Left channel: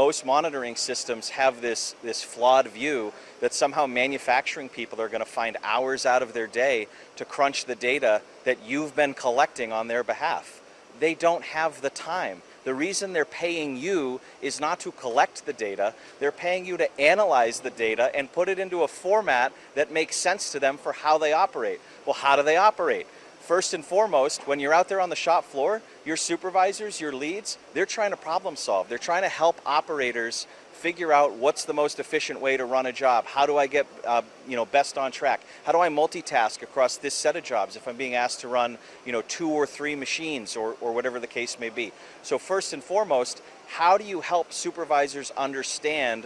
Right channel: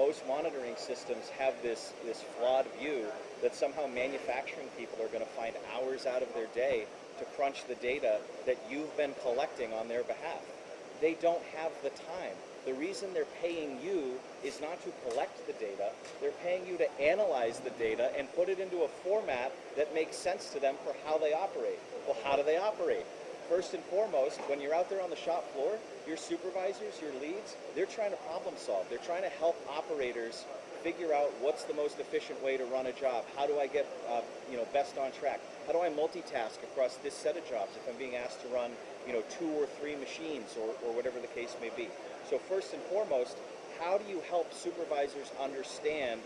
most monitoring systems have this flawed view that somehow manufacturing people are going to find hours out of their day to crunch the data that you've been collecting on their behalf. They don't have the time. The reason they're paying you is not to collect the data, they're paying you to analyze the data and put it into a format that makes sense to them for how they operate. Well, how do they operate? First and foremost, when you're out there on the shop floor, your supervisors, your leads, they're trying to problem solve. They're trying to help operators figure out what's the most efficient way to run a job. How do I get best on track? How do I multitask across this set of jobs if I'm being asked to run 2 or 3 machines or whatever the case may be? So first and foremost, how do you help supervisors understand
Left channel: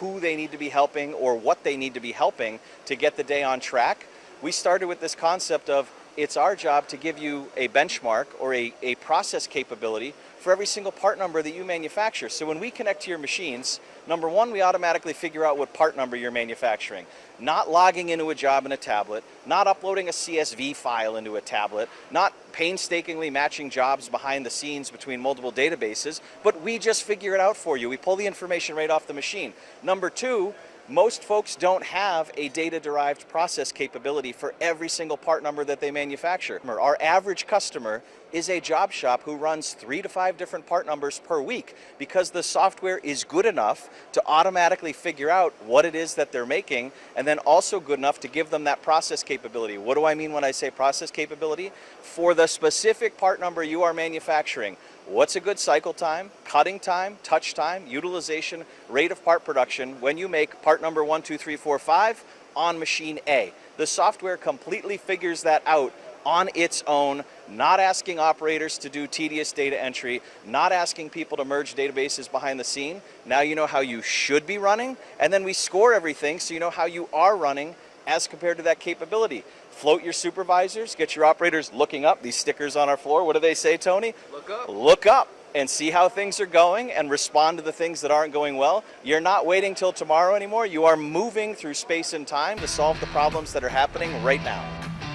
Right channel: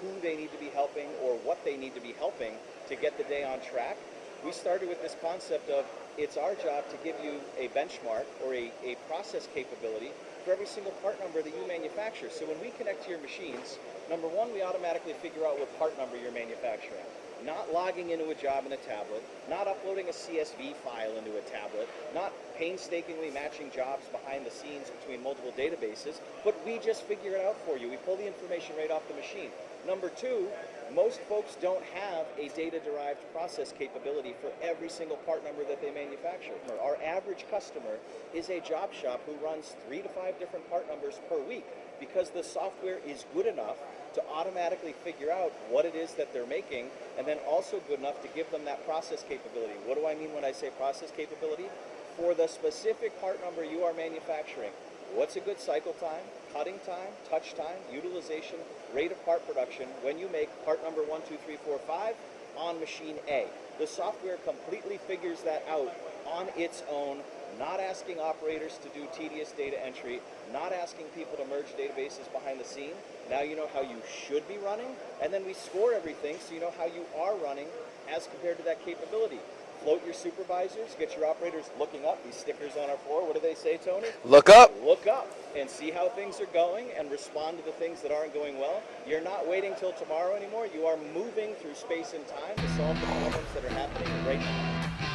who they need to be helping or what they need to be helping to get the day on track? We started with this concept of it's our job to give you a benchmark or a process capability for every single part number that you manufacture. So when we connect to your machines, number one, we automatically figure out what part number you're manufacturing. Not logging into a job in a tablet, not uploading a CSV file into a tablet, not painstakingly matching jobs behind the scenes between multiple databases, but we just figure it out for you. We pull the information right off the machine. Number two, most folks don't have a data-derived process capability for every single part number that they manufacture. Our average customer is a job shop who runs 3 to 5 different part numbers per week because the software is good enough to automatically figure out what it is that they're making, and then also good enough to give them that process capability. What do I mean when I say process capability? For the specific part number you are manufacturing, what's a good cycle time, cutting time, touch time, utilization, rate of part production when you make part number 1, 2, 3, 4, 5 on machine A? The software completely figures that out on its own, not asking operators to do tedious data entry, not asking people to merge databases behind the scene. Now you know how you should be running, and then we score everything so you know how you are running as compared to that capability. Float your supervisors, get your operators looking up. These stickers on our floor, what do they say, Tony? Look up. Look up and see how things are going and respond to the things that aren't going well. You're not waiting till tomorrow anymore. You are moving through space and time to solve the problems that are happening right now.